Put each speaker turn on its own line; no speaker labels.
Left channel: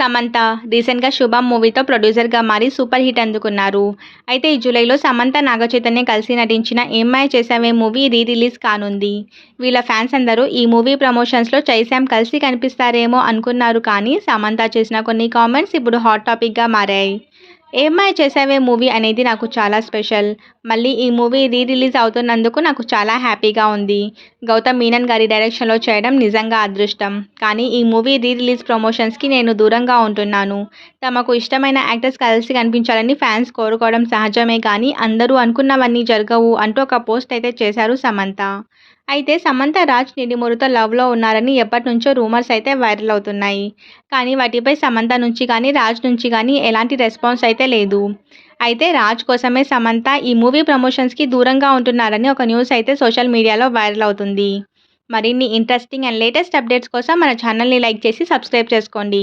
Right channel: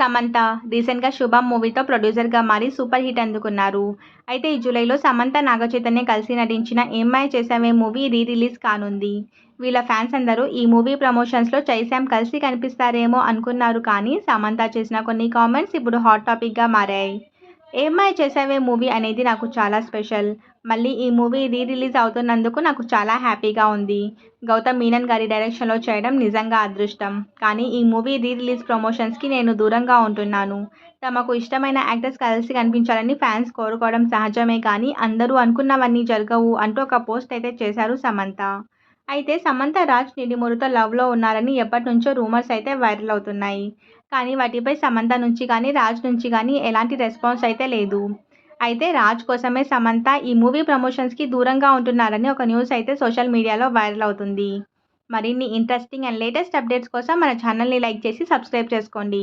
సమంత రీసెంట్గా శుభం మూవీతో ప్రొడ్యూసర్గా మారి సూపర్ హిట్ అందుకున్నారు. అయితే ఈ జూలైలో సమంత నాగచైతన్య కలిసి నటించిన ఏమ్మాయి చేసావే మూవీ రీ రిలీజ్ కానుంది. వీళ్ళ ఫ్యాన్స్ అందరూ ఈ మూవీ ప్రమోషన్స్లో చైశాం కలిసి కనిపిస్తారేమో అనుకున్నారు కానీ సమంత చేసిన కొన్ని కామెంట్స్ ఇప్పుడు హాట్ టాపిక్గా మారాయి. ఏమై చేసావే మూవీ అనేది నాకు చాలా స్పెషల్. మళ్ళీ ఈ మూవీ రీ రిలీజ్ అవుతున్నందుకు నాకు చాలా హ్యాపీగా ఉంది. గౌతమ్ మీనన్ గారి డైరెక్షన్లో చేయడం నిజంగా అదృష్టం. కానీ ఈ మూవీ రీ రిలీజ్ ప్రమోషన్స్కి నేను దూరంగా ఉంటున్నాను. తమకు ఇష్టమైన యాక్టర్స్ కలిసి కనిపించాలని ఫ్యాన్స్ కోరుకోవడం సహజమే కానీ అందరూ అనుకున్నవన్నీ జరగవు అంటూ ఒక పోస్ట్ అయితే చేశారు సమంత. అయితే సమంత రాజ్ నిడిమురుతో లవ్లో ఉన్నారని ఎప్పటి నుంచో రూమర్స్ అయితే వైరల్ అవుతున్నాయి. కానీ వాటిపై సమంత నుంచి కానీ రాజ్ నుంచి కానీ ఎలాంటి రెస్పాన్స్ అయితే లేదు. అయితే రాజ్ కోసమే సమంత ఈ మూవీ ప్రమోషన్స్కి దూరంగా ఉంటున్నారని ఒక న్యూస్ అయితే సోషల్ మీడియాలో వైరల్ అవుతుంది. మరిన్ని ఇంట్రెస్టింగ్ అండ్ లేటెస్ట్ అప్డేట్స్ కోసం మన ఛానల్ని లైక్ చేసి సబ్స్క్రైబ్ చేసుకోండి.